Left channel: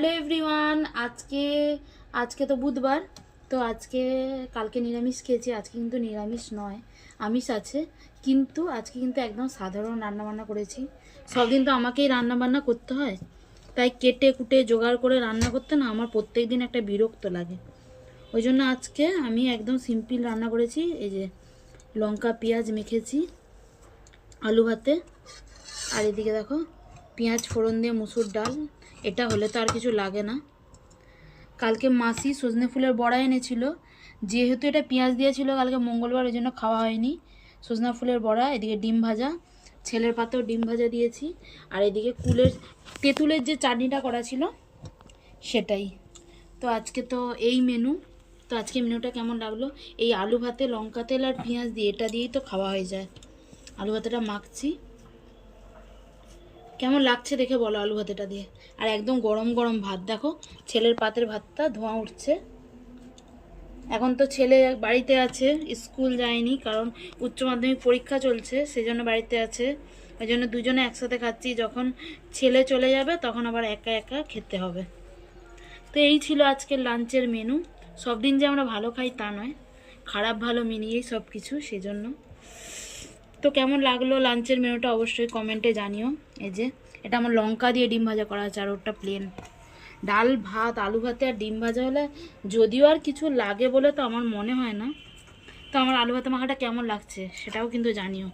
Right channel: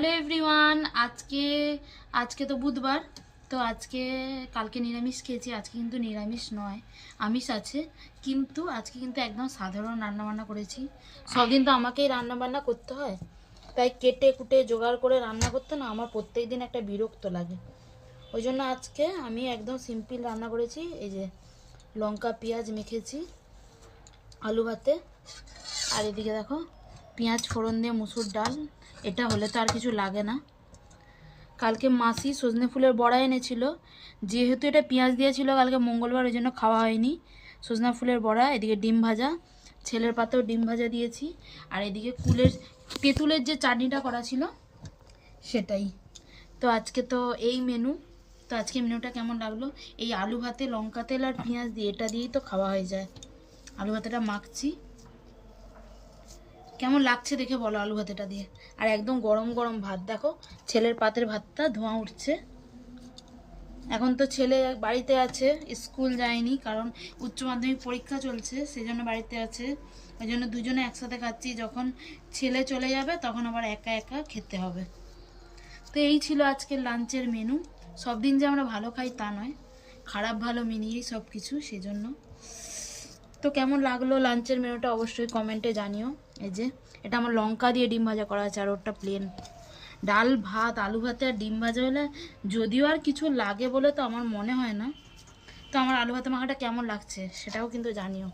Hello everyone, আজকে আজকে তো বুধবার। তো আজকে কালকে নিরামিষ খেয়েছি, আজকে কিন্তু নিরামিষ নয়, আমিষ আছে। কিন্তু আজকে কিন্তু একদম সাধারণ রান্নাবান্না করেছি। সব দিন তো আমাকেই রান্নাবান্না করতে হয়, তাই কেটে কুটে জোগাড় করে রান্না করতে না আমার প্রত্যেক দিন একটা বিরক্ত লাগে। ওই জন্য আজকে আমি একদম সিম্পল রান্না করেছি। এই যে লঙ্কা পেঁয়াজ মেখেছি আলু ভাতে, আর এদিকে দেখো পেঁয়াজ ফোড়ন দিয়ে মুসুর ডাল। এটা হলে তো আর কিছু লাগে না। কালকে মাসি সজনে ফুলের বড়া এনেছিল, যেহেতু এটা পেঁয়াজ দিয়েছিল কালকে মঙ্গলবার, ওই জন্য খাওয়া হয়নি। সজনা ফুলের বড়া, এদিকে ডিম ভাজা, ছেলের পাতেও ডিম ভাজা দিয়েছি, আর এদিকে তেঁতুলের যে চাটনিটা করা ছিল সেটাই। তো আজকে তো এই মেনু। তো আজকে মেনুটা কেমন লাগলো? এই আলু ভাতে লঙ্কা তেল আর পেঁয়াজ দিয়ে, এটা দিয়েই তো খাওয়া হয়ে যায়। আলু ভাতেটা মাখছি, কেমন লাগছে দেখে বলো আলু ভাতেটা দিয়ে। আর একদম গরম গরম ভাত, দেখো ছেলের পাতের ভাতটা ধোঁয়া উঠছে। এখন তো ছেলে বাড়িতে আছে, স্কুল যায়নি, কারণ উচ্চ মাধ্যমিক পরীক্ষা চলছে, সেই জন্য বাড়িতে আছে। ওই জন্য দুজনে একসাথে খাচ্ছি, যখন ছেলে চলে যাবে তখন আবার একা একা খেতে হবে। তো এই ছিল আজকের লাঞ্চের মেনু। সব দিন যে আমরা ভালো খাই তা নয়, খারাপ ভালো মিলিয়েই সব কিছু, সেজন্য। তো কেমন লাগলো লাঞ্চের মেনুটা অবশ্যই কমেন্টে জানিও। এই যে এটা আমার লঙ্কা দিয়ে ডিম ভাজা করা আছে, আর ওটা প্লেন ডাল ভাত, আলু ভাতে আর ডিম ভাজা হলে যদিও আর কিছু লাগে বলে তো আমার মনে হয় না। তো আমার আলু ভাতে মাখাটা কেমন লাগছে সেটাও কিন্তু জানিও।